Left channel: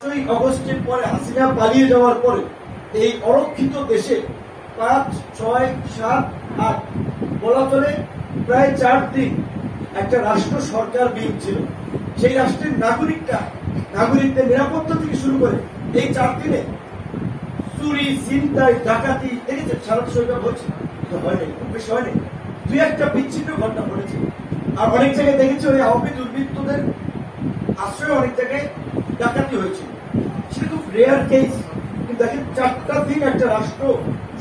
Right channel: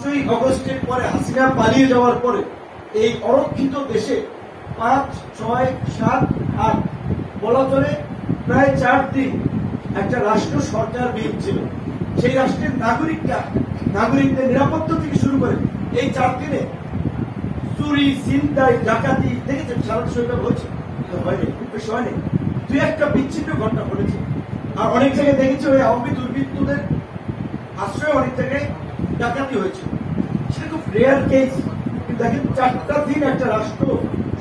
আগস্টের পরে হাসিনা পালিয়ে যাওয়ার পরে এই অরক্ষিত দেশে 5, 6, 7, 8 বলা চলে প্রায় 4 দিন একটা রাষ্ট্র সরকার বিহীন ছিল। সেই রাষ্ট্রের নাগরিকদের নিরাপত্তা থেকে শুরু করে এই 4 দিনে চুরি, ছিনতাই, ডাকাতি দেখেছেন সারা সরকার হচ্ছে হয়নি, বেশ হয়নি, 2-1টা বিচ্ছিন্ন ঘটনা ঘটেছে। আর অনেক জায়গায় দেখেছি ওই আওয়ামী দুর্বৃত্তদের আশ্রয় অনেক জায়গায় ডাকাতি হয়েছে। সেটা তো রেয়ার কেস। দেখেন 4টা দিন একটা রাষ্ট্র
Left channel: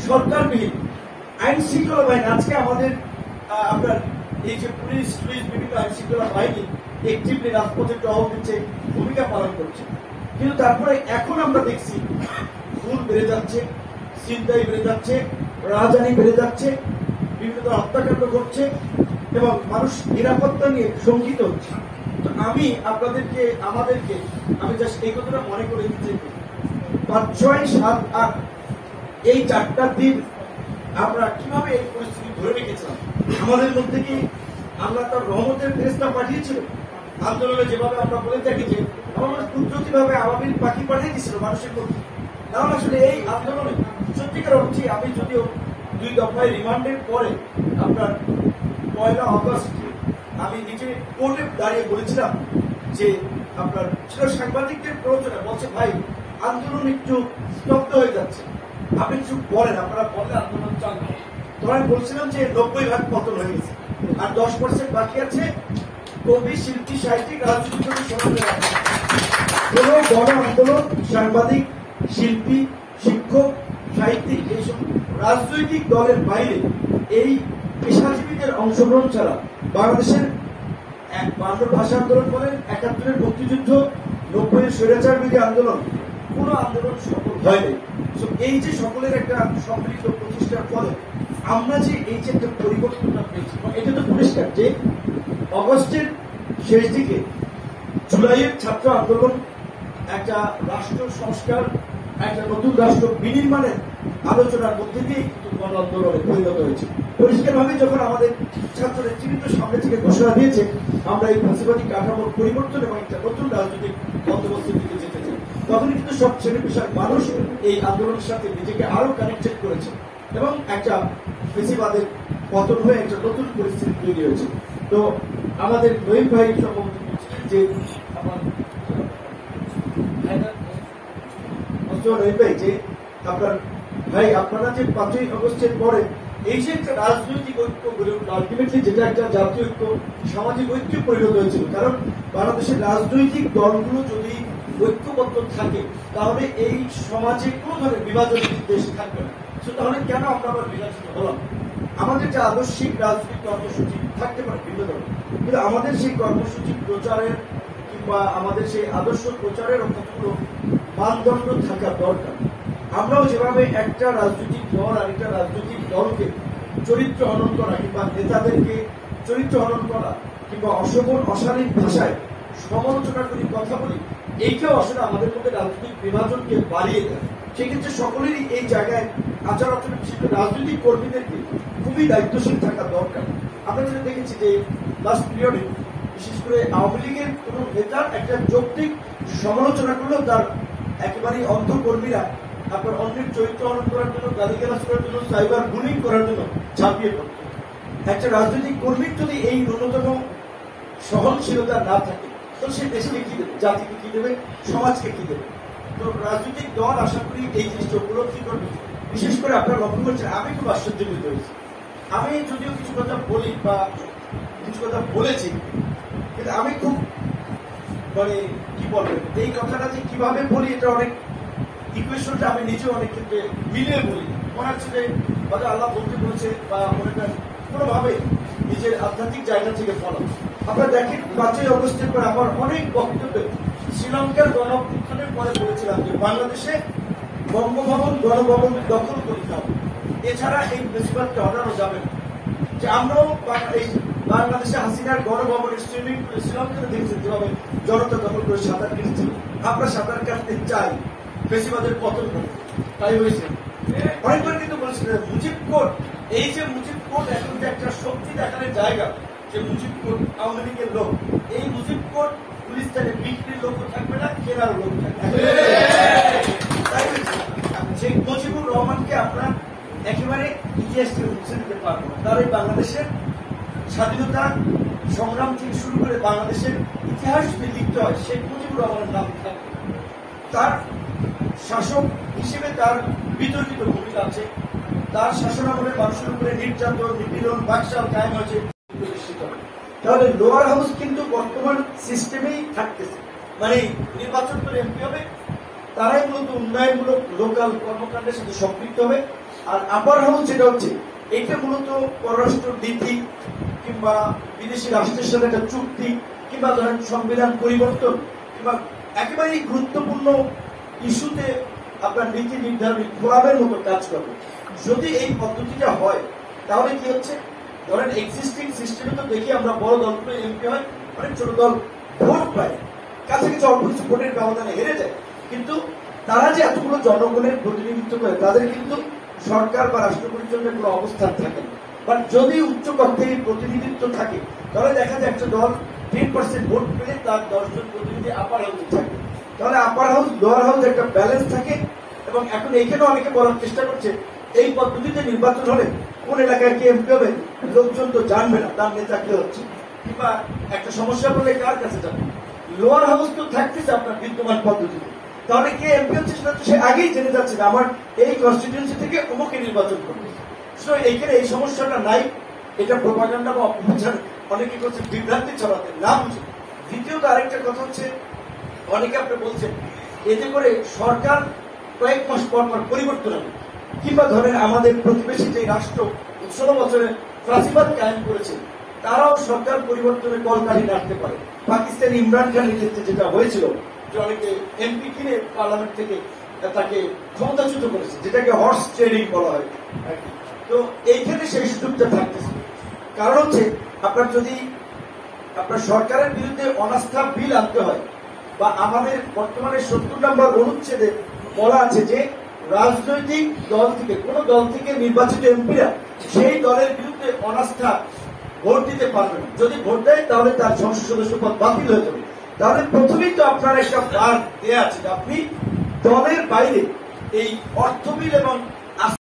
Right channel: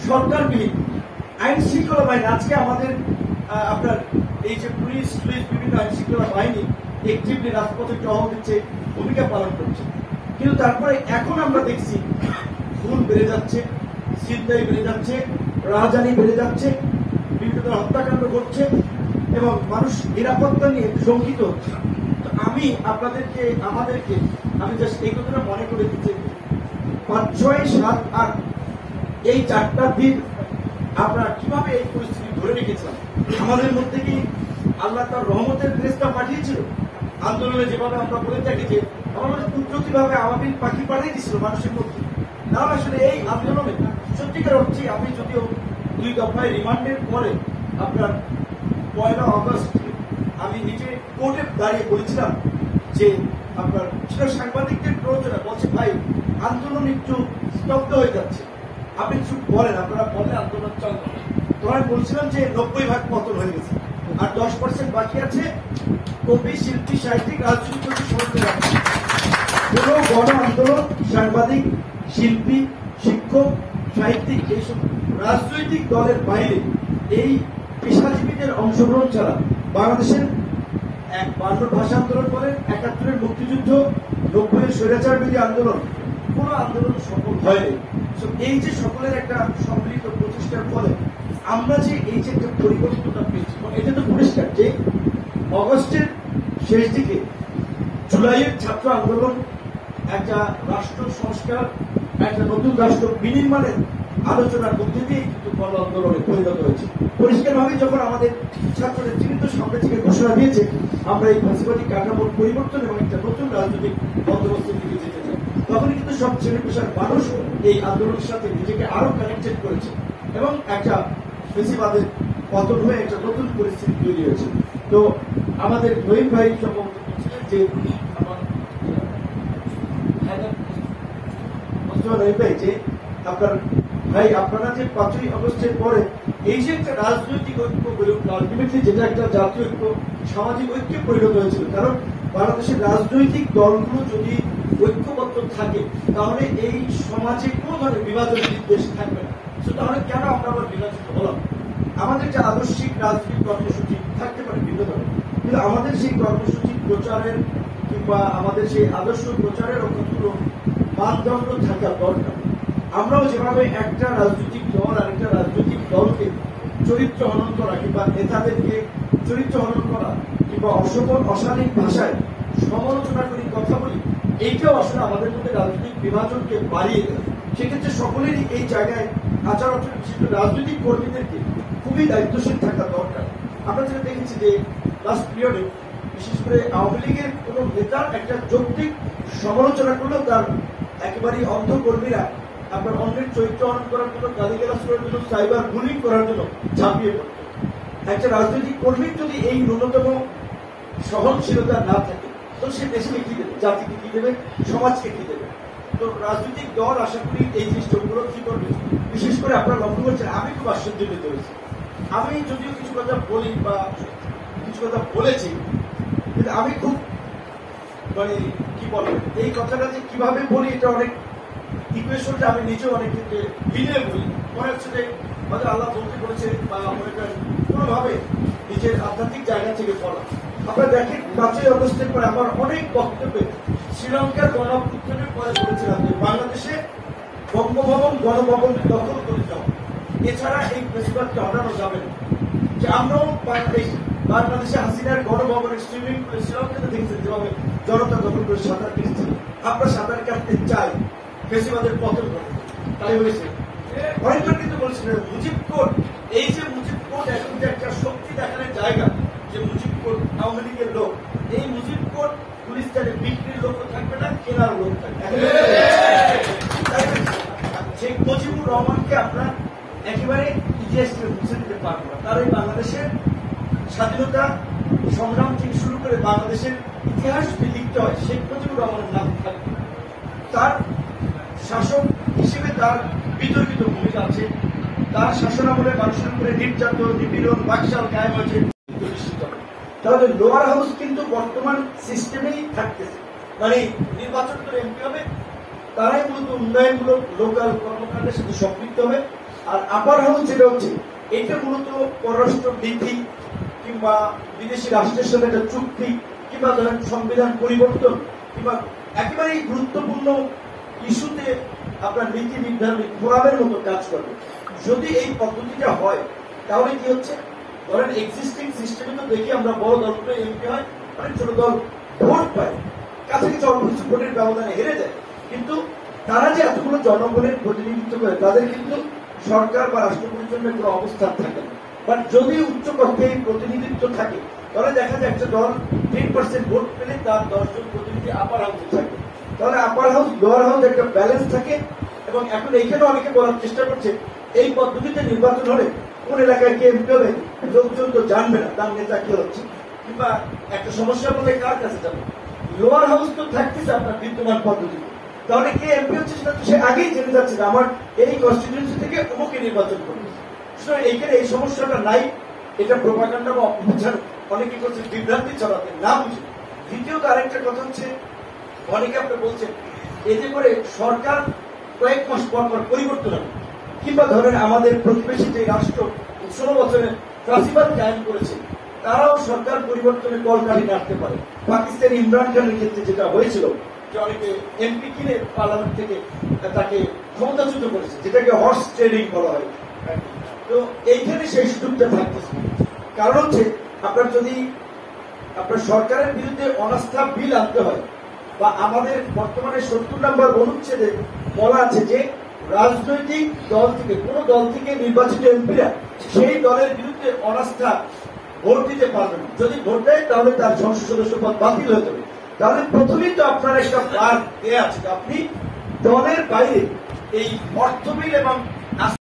সরকার বিহীন, আইন শৃঙ্খলা বাহিনী আজকে আমাদের আপনার এই যে পুলিশ বিভিন্ন আইন শৃঙ্খলা বাহিনী একটিভলি রাজপথে টহল দিচ্ছে, ভূমিকা পালন করছে। কিন্তু তারপরে এখন আমরা দেখছি খুন বেড়ে যাচ্ছে, ছিনতাই বেড়ে যাচ্ছে, রাহাজানি বেড়ে যাচ্ছে, বিভিন্ন হত্যাকাণ্ড ঘটছে এবং মানুষ নিরাপত্তা নিয়ে শঙ্কিত হচ্ছে। আমি আমাদেরকে আমি জাস্ট এই কথাটা মনে করে দিচ্ছি, 5, 6, 7, 8 এই 4টা দিন আমরা কিভাবে এই পরিস্থিতি ধরে রেখেছিলাম। আমাদের মধ্যে কি আল্লাহ তার রহমতের ফেরেশতা পাঠিয়েছিল? আন্দোলনে যেভাবে আমরা বলে থাকি যে আমরা কুদরতিভাবে আওয়ামী পাখি পাঠিয়ে দিয়েছিল মানুষের মধ্যে, তাহলে আসলে এই আন্দোলনে সত্যিকার অর্থে আমি যদিও 2 দফায় রিমান্ডের পরে আপনার 1 আগস্ট আমি নিজে কোর্টে দাঁড়িয়ে বলেছিলাম যে আপনার সেটা সাংবাদিকদের প্রয়োজনে বলছে ভাই আন্দোলন একটু স্তব্ধ হয়ে যাচ্ছে, আপনি চুপ বলেন, আপনারা বললে আন্দোলন চলবে। তোমার বলছিলাম যে 90% পতন হয়ে গেছে আর 10% বাকি আছে। কবি, শিল্পী, সাহিত্যিক, রাজনীতি কোন গণ আন্দোলন, সাংবাদিক, শিল্পী, শিক্ষক, সাহিত্যিক এইসব রাজনৈতিক দলের বাইরে এই পেশাজীবীদের অংশগ্রহণ ছাড়া বাংলাদেশের 52 ভাষা আন্দোলন বলেন, 71-এর মুক্তিযুদ্ধ, 90-এর স্বৈরাচার বিরোধী আন্দোলন, কোন আন্দোলন সফল হয়নি। এই যে সকলের একটা সম্মিলিত প্রচেষ্টার ফলে আমরা যে এই যে একটা পরিবর্তন পেয়েছি, এটা তো পরিষ্কার যে অগস্টের শেষ দিকে জুলাইয়ের ছাত্র আন্দোলন একটা রাষ্ট্র সংস্কার, একটা নতুন রাষ্ট্র বিনির্মাণের আলোচনার মধ্যে দিয়ে কিন্তু গণ আন্দোলনে পরিণত হয়েছে। পরিষ্কারভাবে যখন আমাদের ছাত্রদের জীবিত সামনে থেকে ঘোষণা দিয়েছে আমরা এই ফ্যাসিলিটি কাঠামোর পরিবর্তন এবং একটা নতুন রাজনৈতিক বন্দোবস্তের দিকে যেতে চাই, তখন কিন্তু সব শ্রেণী পেশার মানুষ এই আন্দোলনের সাথে নিজেকে আরো কানেক্টেড করেছে এবং একটা ফেসিবাদের পতন হয়ে একটা নতুন পরিস্থিতি তৈরি হয়েছে। তো আমাদের নহিম ভাই যে যে আপনার ভাই আপনারা যে 5ই আগস্টের পরে এই যে একটা রাজনৈতিক ঐক্য গড়ে উঠল, আলটিমেটলি যেটা একটা জাতীয় ঐক্য, সামাজিক ঐক্যে পরিণত হয়েছিল। কারণ বাংলাদেশের রাজনৈতিক দলগুলো যদি ঐক্যবদ্ধ থাকে তাহলে এই সমাজে কোন ধরনের বিভাজন বিদ্বেষ থাকবে না। তাহলে কেন আমরা আবার বিভাজিত হলাম? আমাদের যে আদর্শিক রাজনৈতিক কর্মসূচি থাকতে পারে বিভিন্ন ধরনের, কিন্তু আমাদের সেই কর্মসূচি প্রচারের কিংবা আমাদের সেই আদর্শ প্রচারের কতগুলো মানদণ্ড থাকা দরকার। আমরাও যেভাবে একটা রাজনৈতিক দল আরেকটা রাজনৈতিক দলকে চরিত্র হনন করা কিংবা নেতাদেরকে চরিত্র হনন করা কিংবা অশালীন ভাষায় সমালোচনা করি, কথা বলি, এইটাও আসলে আমাদের মধ্যে রাজনৈতিক বিভাজনকে বাড়িয়ে দেয়। সেক্ষেত্রে সকলেরই এই জায়গায় আচার আচরণ, রাজনৈতিক কর্মীদেরকে খুবই দায়িত্বশীল থাকা দরকার। আমরা যেটা দেখেছি যে লাস্ট পিরিয়ডে বিশেষ করে আওয়ামী লীগের কোন নেতার একটা যৌক্তিক সমালোচনা করলেও তার একেবারেই অন্ধ কর্মীরা আপনার অন্যের চরিত্র হনন করার জন্য, গালিগালাজ করার জন্য, সাইবার বুলিং করার জন্য ঝাঁপিয়ে পড়ে। একটা রাজনৈতিক কর্মীর যদি এই ন্যূনতম সহনশীলতা না থাকে তো সে দেশকে কি দেবে, জাতিকে কি দেবে, সমাজকে কি দেবে? তো রাজনৈতিক দল আশা করি এই জিনিসটা উপলব্ধি করবে। বিশেষ করে আপনারা লক্ষ্য করছেন আমি খুব আশ্চর্যজনিত হয়েছি। আমি যদিও কিছু কথা বলি বা কিছু কথা বলেছি, কিন্তু আমি খুব মানে কি বলবো এই কথাটা যে কিভাবে বলি এটা অনেক ইকুয়েশনটা আমি নিজেও অনেক ক্ষেত্রে মিলিয়ে বলি। মনে হচ্ছে যে হয়তো আল্লাহ বলতে বলেছে বা মনে করেন কোনোভাবে নিজের আধ্যাত্মিক জায়গা থেকে ফলো। আপনারা দেখেন 5ই আগস্টের পরে আমার অনেক বক্তব্যে শ্রীলঙ্কার গণঅভ্যুত্থানের পরে বলেছিলাম যে বাংলাদেশে বঙ্গভবন গণভবন দখল করতে হবে, এছাড়া এই প্রেসিডেন্টকে হটানো যাবে না। যে আমরাও এই বাংলাদেশে হাসিনার গণভবনের স্ট্রিমিং শ্রীলঙ্কাতে দেখেছেন যেভাবে জনতা দখল করে সাঁতার কেটেছিল, আমরা সাঁতার কাটতে চাই ফেসিবাদের পতন করতে, তাই হয়েছে। অনেকবার কিন্তু বলছিলেন মুজিব কোড, এই যে মুজিব কোড এখন যে একটা শক্তি দেখানোর জায়গা, যে মুজিব কোড আওয়ামী লীগের লোক, এই মুজিব কোড গুলিস্তানে বিক্রির লোক থাকবে না, কেনার লোক থাকবে। শেখ মুজিবুর রহমানকে আপনার একেবারে ইতিহাস থেকে মুছে দিতে পারবো না। তার এই বাংলাদেশের স্বাধীনতা সংগ্রাম থেকে শুরু করে বাংলাদেশের ইতিহাস যদি লিখতে হয়, শেখ মুজিবুর রহমানের নাম থাকবে। তার শাসক হিসেবে তার বিতর্কিত ভূমিকা আছে। তার শাসনামলে মানুষের উপরে নির্যাতন, নিপীড়ন, বাকশাল কায়েম হয়েছে। তাহলে লোয়ার হাউস কিন্তু বর্তমান সিস্টেমেই থাকতেছে, মানে নির্বাচন করে এমপি হবে, তারাই মূলত উন্নয়নমূলক লোকাল কর্মকাণ্ডের সাথে সম্পৃক্ত হবে। আর আপার হাউস যেটা হচ্ছে, এটা মূলত পররাষ্ট্র নীতি কিংবা বিদেশি রাষ্ট্রের সাথে একটা চুক্তি কিংবা ধরেন সংবিধান পরিবর্তন কিংবা একেবারেই গুরুত্বপূর্ণ ইস্যুতে আপনার নীতি নির্ধারণী ফোরামের মতো কাজ করবে। যদি এই পদ্ধতিটা হয় তাহলে কি হচ্ছে, ধরেন এক্সিস্টিং সিস্টেমে তো দেখি আমরা বড় দল করে এমপি হয়, অনেক ছোট দল ভোট পায়, কাছাকাছি অল্প কিছু ভোটের ব্যবধানে হেরে যায়, কিন্তু তারা যে এতগুলো জনগণের প্রতিনিধিত্ব করে তাদের কিন্তু সরকার বা রাষ্ট্র পরিচালনার কোনো অবস্থান থাকে না। বাট যদি উচ্চ কক্ষের প্রতিনিধিত্ব থাকে তাহলে দেখা যায় একটা দল 10% ভোট পেলে তার 10 জন প্রতিনিধি আপার হাউসে থাকে। তাহলে আপার হাউস লোয়ার হাউস একটা ব্যালেন্স থাকে। এবং এখন এইখানে অনেকে বলার চেষ্টা করছে এই পদ্ধতিতে নির্বাচন হলে কোন এলাকায় কে এমপি হবে লোকজন তো জানবে না, তার নেতা কে হচ্ছে, কিংবা একটা সমস্যা বলে কার কাছে যাবে। লোয়ার হাউস তো থাকতেছে আপনার বিদ্যমান পদ্ধতিতে, তাহলে কে এমপি হচ্ছে সেটা তো সে আগেই জেনে যাচ্ছে যে আমার এই কনস্টিটিউয়েন্সি থেকে অমুকে নির্বাচন করবে। এইখানে এই সমস্যাটা নাই। এটা প্রোপাগান্ডা বা অপপ্রচার অনেকে করছে বিভ্রান্তি ছড়াতে না বুঝে। দ্বিতীয়ত আরেকটা কথা হচ্ছে, অনেকে আপনি বলছেন এতে করে সরকার কয়েক মাস পর পর পরিবর্তন হবে, কিংবা ধরেন আমাদের প্রতিবেশী যে রাষ্ট্র 16 বছরের ফ্যাসিবাদ কায়েম করেছে তারাও সরকার পরিবর্তনে কলকাঠি নাড়তে পারে। পাকিস্তান ইমরান খানের ক্ষেত্রে যেটা হয়েছিল যে অনেকে এমপি কিনে পার্লামেন্ট থেকে তাকে ক্ষমতাচ্যুত করেছে, যেটাকে হর্স ট্রেডিং বলা হয়। তো এইখানে সেই সুযোগটা থাকতেছে। কারণ হচ্ছে আপনার যদি আপনার সরকারের বিরুদ্ধে অনাস্থা বিল আনতে হয়, বা আমাদের বর্তমানে 70 নম্বর অনুচ্ছেদে বলা আছে যে রাজনৈতিক দল থেকে কোন দল থেকে নির্বাচিত এমপিরা সেই দলের বিরুদ্ধে অনাস্থা ভোট দিতে পারবেন। যদি ভোট দেয় তাহলে তার সংসদ সদস্য পদ বাতিল হয়ে যাবে। তাহলে প্রথমেই তো আপনার একটা বার দেওয়া আছে, আপনি দলের বাইরে এই অর্থ বিল এবং